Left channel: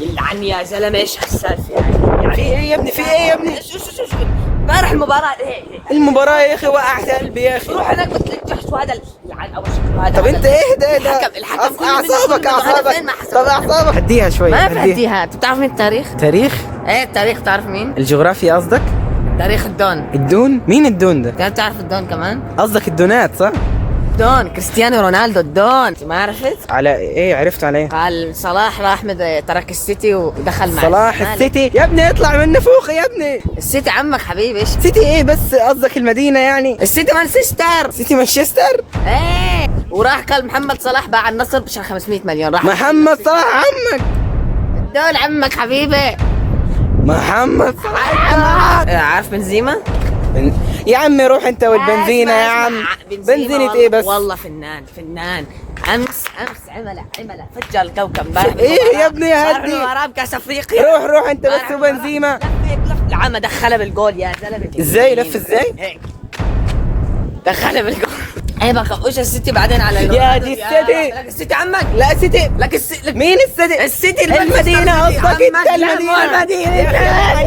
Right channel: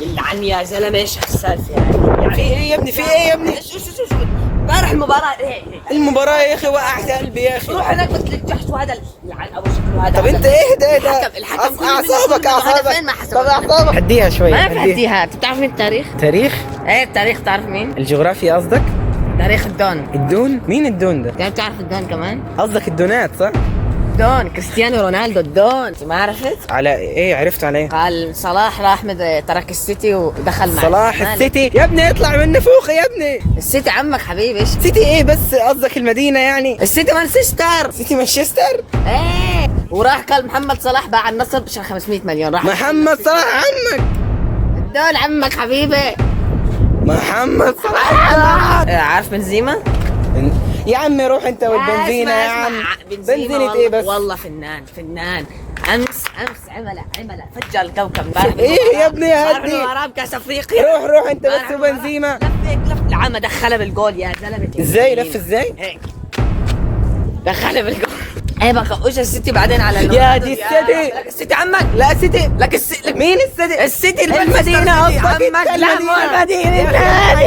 يلعن يا زلمه، ايش هالسالفه يعني؟ في ايه يا ابني؟ في ايه يا ابني؟ امبارح المباراه ايه؟ المباراة يا اخي وقعت قلبي يا اخي. روح هناك بتلاقي تحت وهذا يلعن ابو شكله هذا. طب انت ايه ده؟ الحكم كل اعصابك فين ما حسب. اعصابك هديها شوي. ما بهديها. انت بتعرف مين التاريخ؟ تاريخ؟ ايه التاريخ، تعرف مين؟ الجغرافيا قصدك؟ تاريخ الدون. الدون؟ مين الدون ده؟ كان تعرف الدون كمان؟ قصدك الدونات صح؟ دون كريستيانو رونالدو الدون، ما عرفت؟ على ايه؟ عرفت عليه؟ قال صلاح راح ترك السيتي ودخل مع صلاح الزمالك. السيتي يا ابني اطلع من نفوخي يا ابني. السيتي عمك حبيبي. ايش سيتي ايه بس؟ قصدك المدينة يعني؟ السيتي مانشستر. سيتي مانشستر؟ ايه وراح قال محمد صلاح باع النصر عشان 500 مليون. راح محمد صلاح عمك. الدول عمك حبيبي. محمد صلاح. عارف بنزيما؟ يا عمي روح انت والبنزينة يا عم. بنزينة ايه بس؟ والله فنان. امس عمل فجر الكوكب. ايه يا ابني هدي. وراه كاس افريقيا. روح انت بس وبنزيما. لف العمى دخلها بالجول يا زلمه. ازاي لف ازاي؟ هيك دخلها بالجول. ايه بقى وش السيتي بعدين على يا دي السيتي. السيتي عمك. لا سيتي. لك مين السيتي؟ السيتي المدينة قصدك؟ عمك. المدينة. المدينة